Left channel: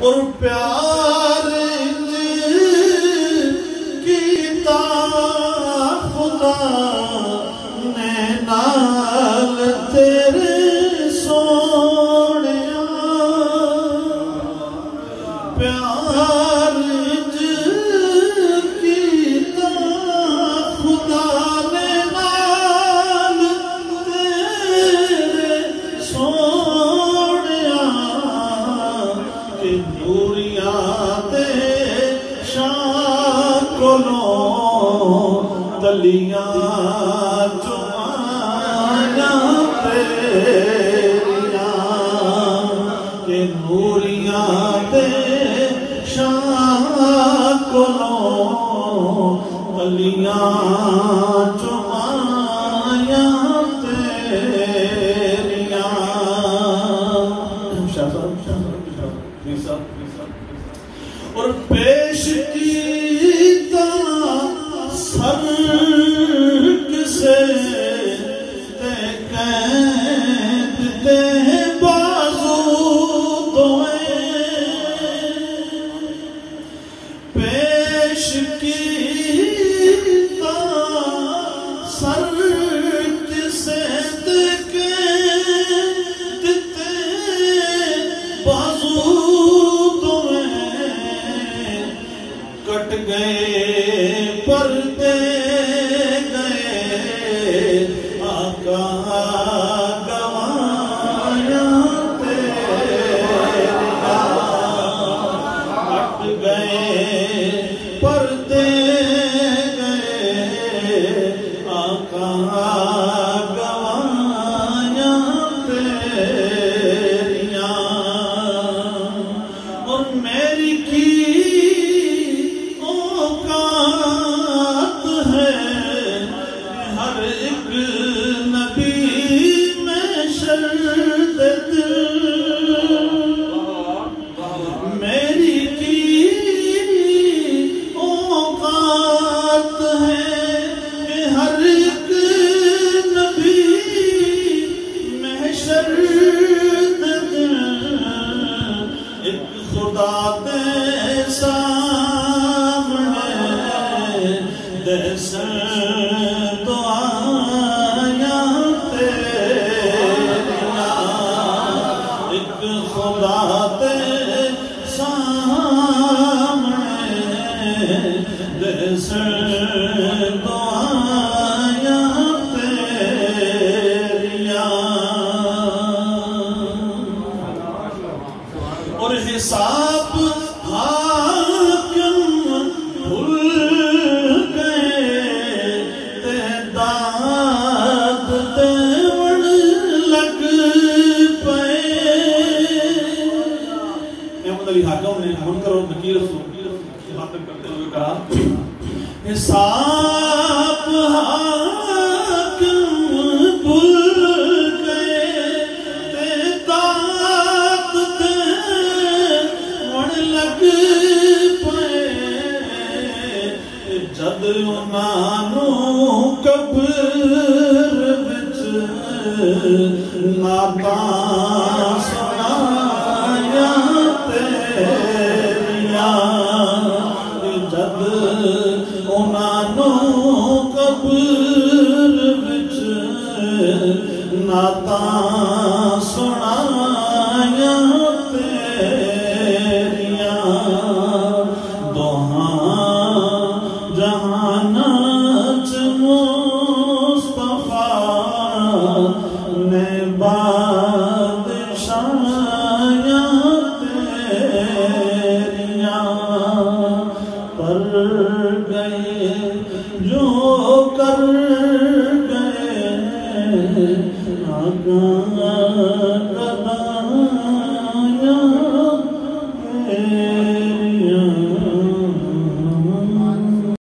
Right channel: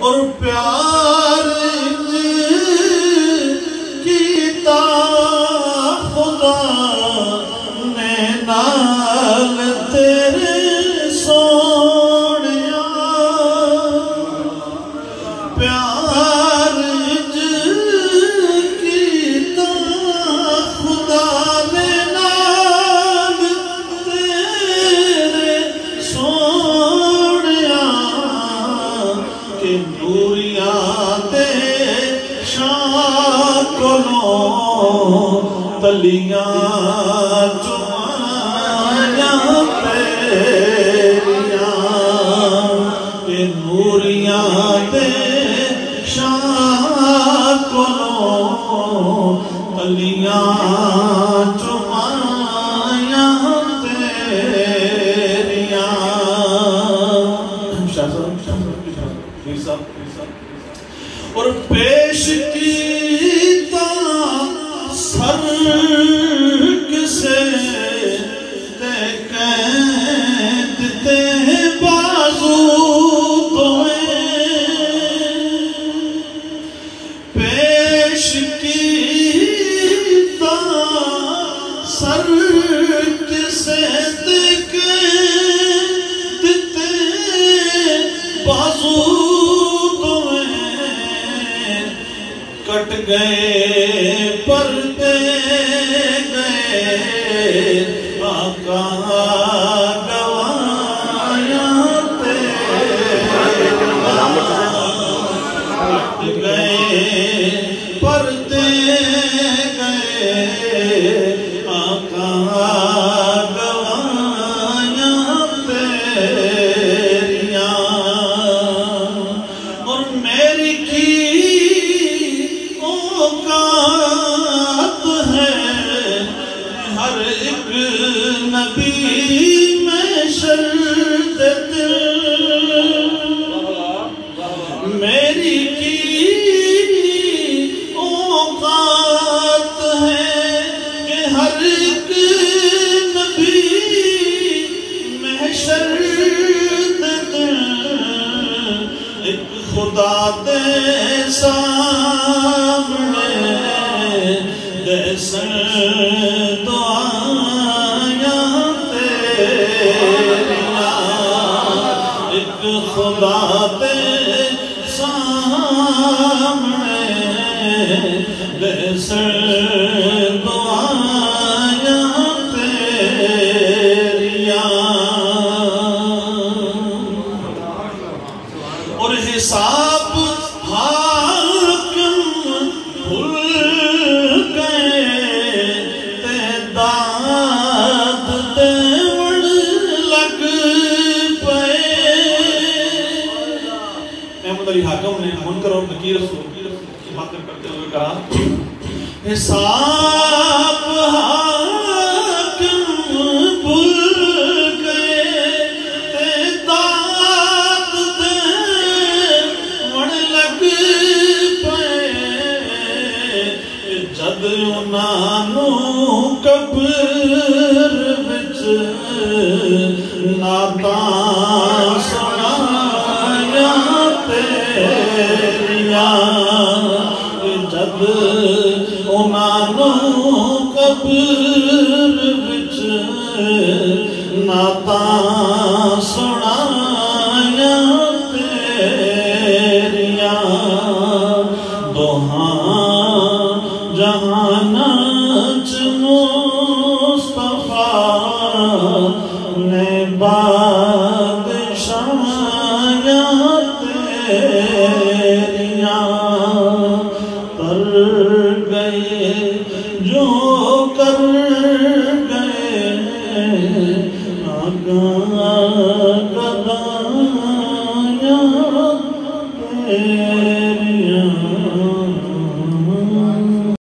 اور پیار کیتا خدا نے نال تیرے سونیا پیار کیتا خدا نے نال تیرے سونیا کہ نوریاں تے شاہ کولوں تلیاں چمائیاں تیریاں کہ نوریاں تے شاہ کولوں تلیاں چمائیاں تیریاں اور پیش کیتا سر کسے تے قید تے بازو دوئیں پیش کیتا سر کسے تے قید تے بازو کٹ گئے پردے گئے آقا گوایاں تیریاں کٹ گئے پردے گئے آقا گوایاں تیریاں اور میری کی ہر ایک نبی میں شرط دل میری کی اوقات ہے کہ ہر ایک نبی میں شرط دل ایک خدا دے سامنے دسن دعائیاں تیریاں ایک خدا دے سامنے دسن دعائیاں تیریاں اور حساب حاکم بھول حاکم نے منکر اور نکیر سے خاطر کرتے ہوئے کہا حساب حاکم بھول گئے تعداد دے وڑ لگ پئے جد انہوں قبر وچ نعتاں سنائیاں تیریاں جد انہوں قبر وچ نعتاں سنائیاں تیریاں دوہاں جہاناں چ مصطفیٰ نے بادشاہیاں تیریاں کر گئے جو کر گئے آگاہ قدایاں تیریاں